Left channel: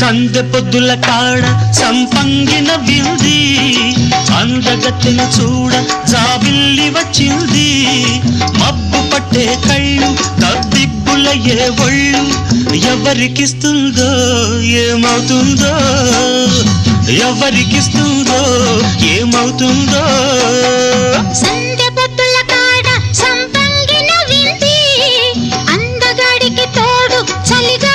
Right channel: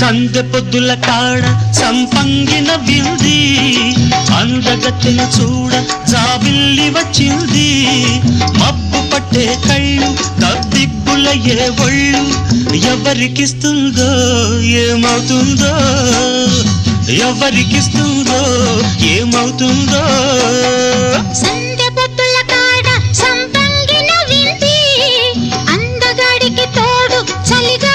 సందె పొద్దుల కాడ సంపంగిన వింది అందగత్తెను చూడ జాబిల్లి వచ్చింది మబ్బు పట్టే కళ్ళు తద్దిబ్బుల ఏ ఒళ్ళు ఎవరికిస్తుందో ఏమవుతుందో ఎవరికిస్తుందో ఏమవుతుందో సందె పొద్దుల కాడ సంపంగిన వింది అందగాడికి తోడు చలిగా